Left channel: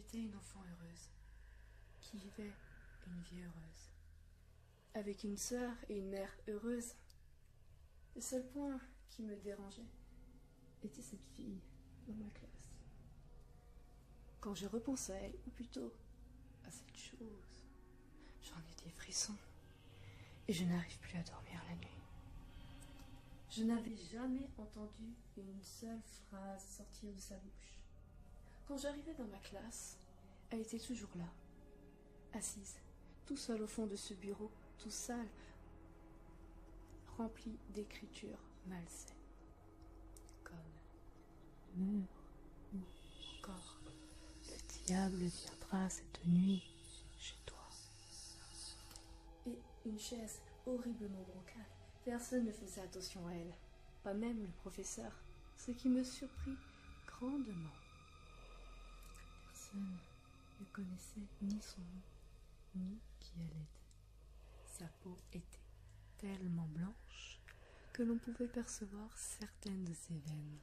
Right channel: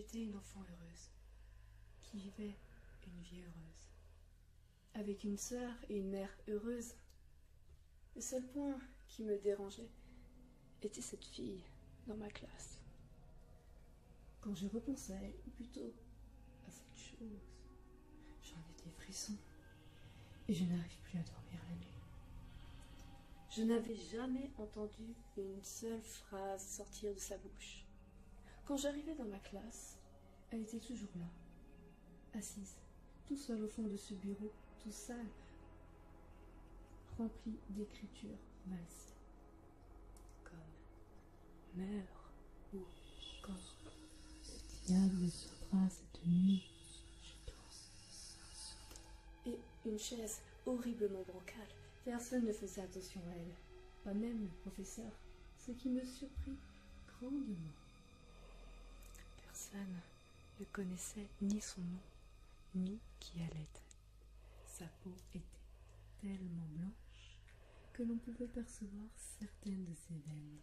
J'étais une enfant heureuse, qui vivait une vie heureuse, avec une sœur et une mère heureuses. Le seul point qui me dérangeait était cette fille dans ma classe. Quand je repense à elle, ou plutôt à cette chose, j'en ai des frissons et je n'arrive plus à dormir la nuit. Je n'avais jamais entendu une seule phrase sortir de sa bouche. Quand j'arrivais dans ma classe, elle était toujours là, assise, tout seule au fond de ce bureau, tout sale, rempli d'écritures malsaines, comme « meurs » ou encore « le diable viendra cette nuit chez toi ». Et une chaise horriblement bancale. Personne ne faisait attention à elle, pas même le professeur, ce qui me surprit grandement. Personne ne connaissait ni son nom, ni qui elle était. Sa peau était tellement blanche que l'on pouvait percevoir certaines de ses veines.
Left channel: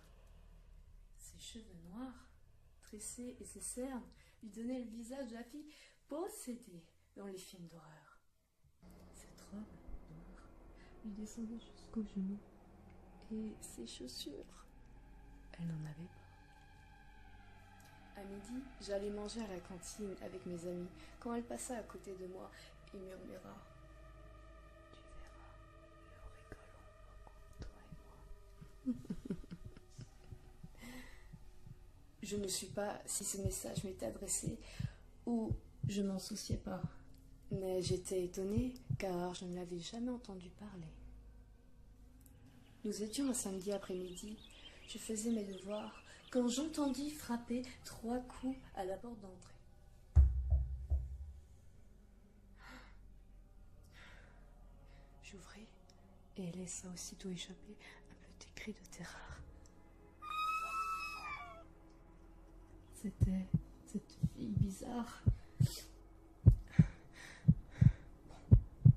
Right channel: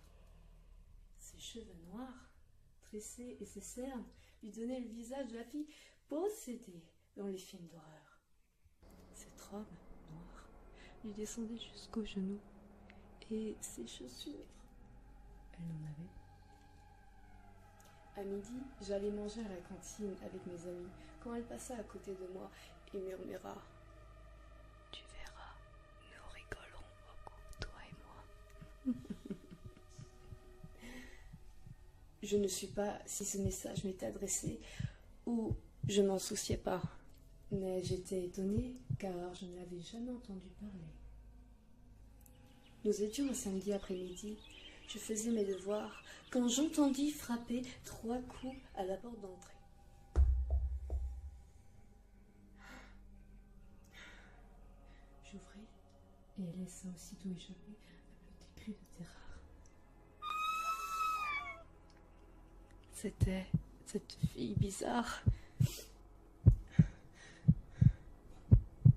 Ses cheveux noirs, tressés et ses cernes lui donnaient le visage de la fille possédée dans les films d'horreur. Cette robe noire lui descendait jusqu'aux genoux et ses chaussures, elle n'en avait pas. À midi, j'allais manger à la cantine avec mes amis quand elle passa à côté de moi et murmura « Tu verras, nous rigolerons beaucoup, toi et moi. » Je ne sais pas si ce message m'était adressé ou je m'en souciais pas, mais j'étais étonnée car je ne l'avais jamais entendu parler. Nous étions un samedi après-midi, je faisais mes devoirs quand j'entendis frapper 3 coups à la porte d'entrée. J'ouvris et elle laissa aussitôt échapper un petit cri de terreur. C'était cette fille bizarre.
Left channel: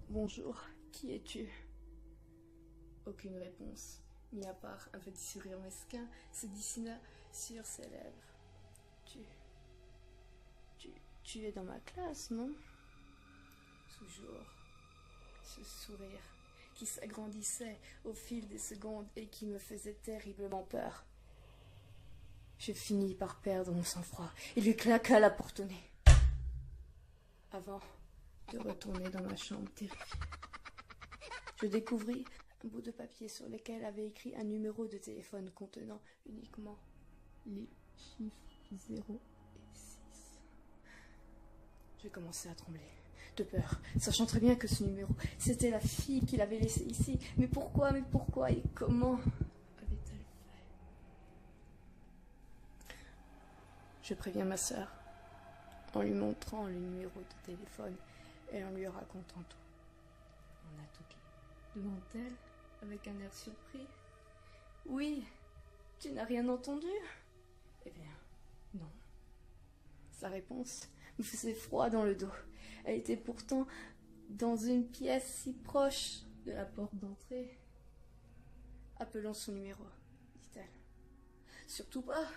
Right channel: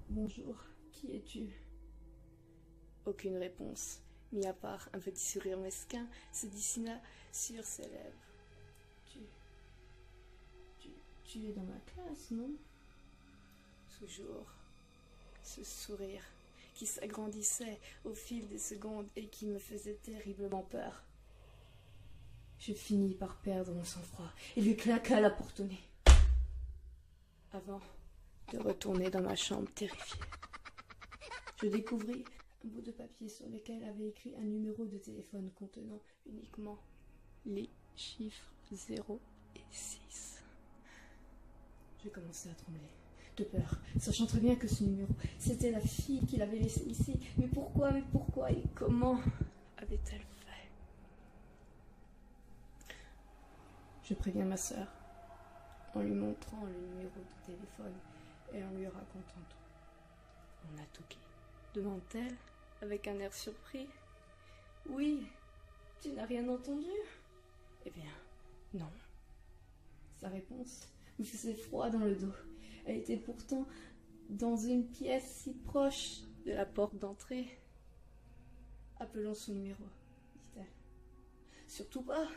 Bonjour, qui es-tu? Aucune réponse, mis à part un petit sourire mesquin, se dessina sur ses lèvres. Tu es dans ma classe, non? Toujours ce sourire qui s'agrandissait au fil des secondes et qui me faisait terriblement peur. Je finis par perdre mon sang-froid et lui claqua la porte au nez, avant de retourner dans ma chambre terrifiée. Je découvris un bout de papier sur lequel avait écrit un numéro de téléphone contenant uniquement les chiffres 0 et 6. Je commençais à trembler, de peur, sachant très bien que ce numéro, c'était la fille qui l'avait laissé ici. Mais pourquoi et comment avait-elle fait? Je préviens ma sœur, en lui montrant le numéro de téléphone et en lui racontant tout. On a tout qui, demande-t-elle, avec un air surpris. Oui, tu n'as rien entendu? Eh bien, non. Sa réponse me faisait froid dans le dos. Elle était pourtant dans une pièce si proche de la porte d'entrée. Appelons son numéro, dit-elle. Surtout pas.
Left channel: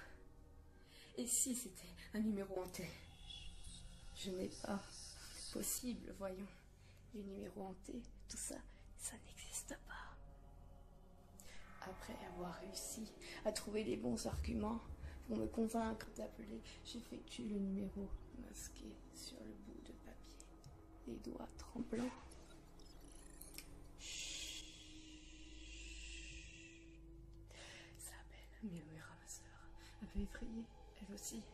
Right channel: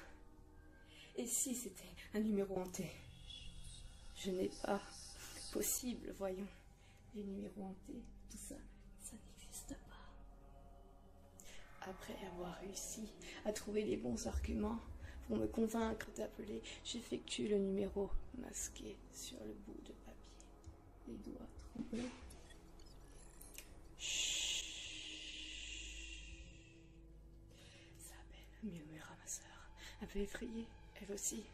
Et si c'était un numéro hanté? Je n'ai pas. Possible, voyons. Les numéros hantés, tout ça, ça n'existe pas. Après avoir réussi à trouver les bons arguments pour me convaincre d'appeler, j'effectue le numéro masqué sur le bout de papier, les doigts tremblants. Chut. Ça appelle, murmura ma sœur, un peu effrayée, elle aussi.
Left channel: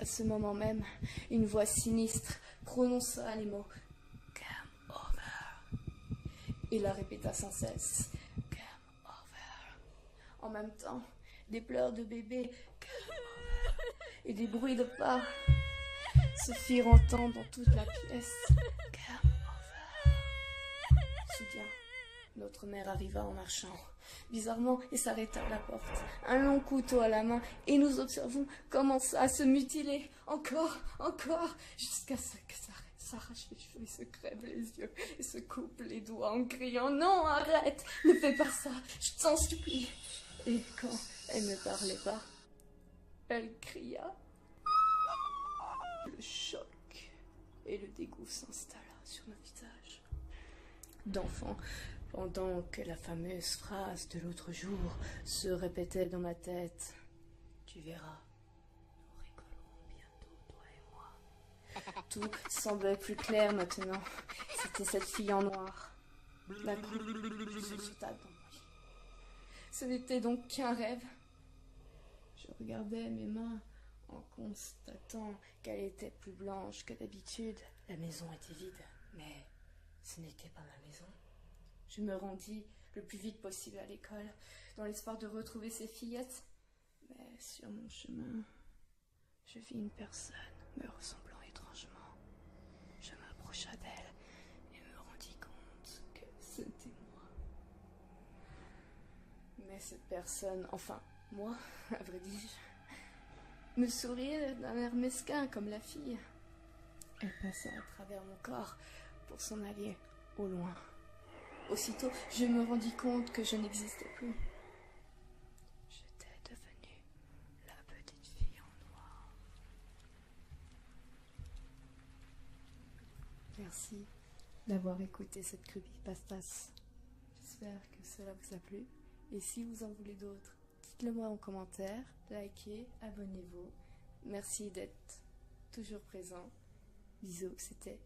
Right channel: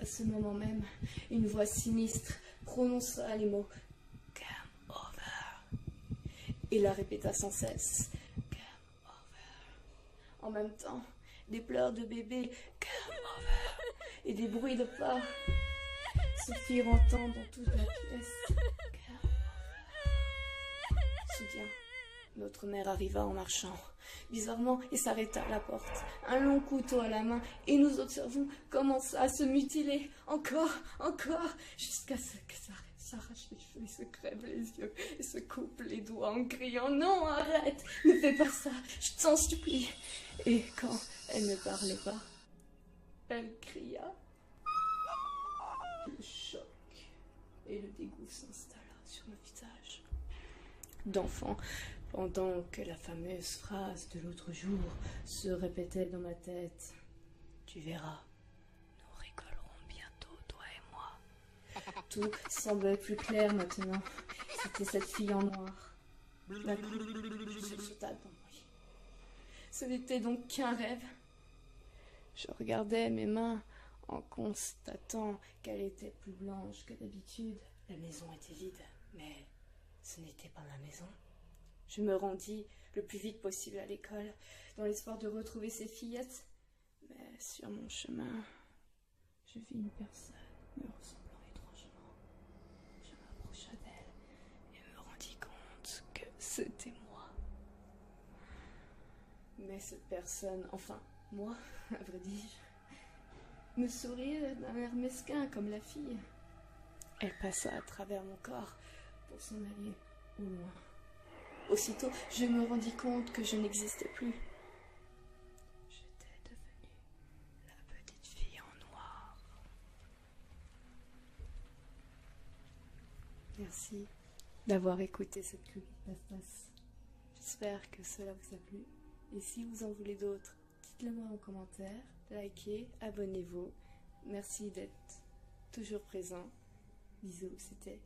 À ce moment même, une voix sinistre prononça les mots « Game over » et la répéta sans cesse « Game over ». En même temps, des pleurs de bébé « Game over » et des bruits de pas se firent entendre dans toute la pièce « Game over ». Soudain, notre mère arriva en marchant, bizarrement, et s'arrêta à la porte, un long couteau à la main, et nous observons commença à se mutiler, encore, jusqu'à ce que s'arrache les cheveux, se crève les yeux, et se coupe les doigts en criant « Non, arrête, ne fais pas ça, je t'en supplie !» Et quand elle ne parlait pas, elle cria Le choc et le dégoût s'installa sur nos visages d'enfants, pendant que la fameuse phrase de l'autre jour se répétait dans ma tête. Tu verras, nous rigolerons bientôt, toi et moi. Tout semblait plus clair maintenant. C'était cette fille en noir. D'un coup, je sauta dans mon lit. Ce n'était donc qu'un rêve. Je regardais mes mains en constatant qu'elles étaient plus blanches que d'habitude. La maison était vide, mais ce n'était pas ma maison. Je me rendis le plus vite possible à l'école, dans l'espoir de retrouver ces fillettes. Mais sur mon chemin, je vis une personne me ressemblant étrangement. Je m'approcha d'elle et me rendis compte que c'était moi. Mais cette personne, enfin, moi, à vrai dire, me souriait d'un air mesquin comme la fille. Elle passa à travers mon corps pour s'en aller au loin. Aussitôt, je me rendis compte que je n'existais plus. J'étais devenue la petite fille en noir. Merci d'avoir écouté cette creepypastas. J'espère que cela vous a plu. Et si vous en voulez d'autres, dites-le moi en commentaire, likez, abonnez-vous. Merci d'être toujours présent. Bisous, c'était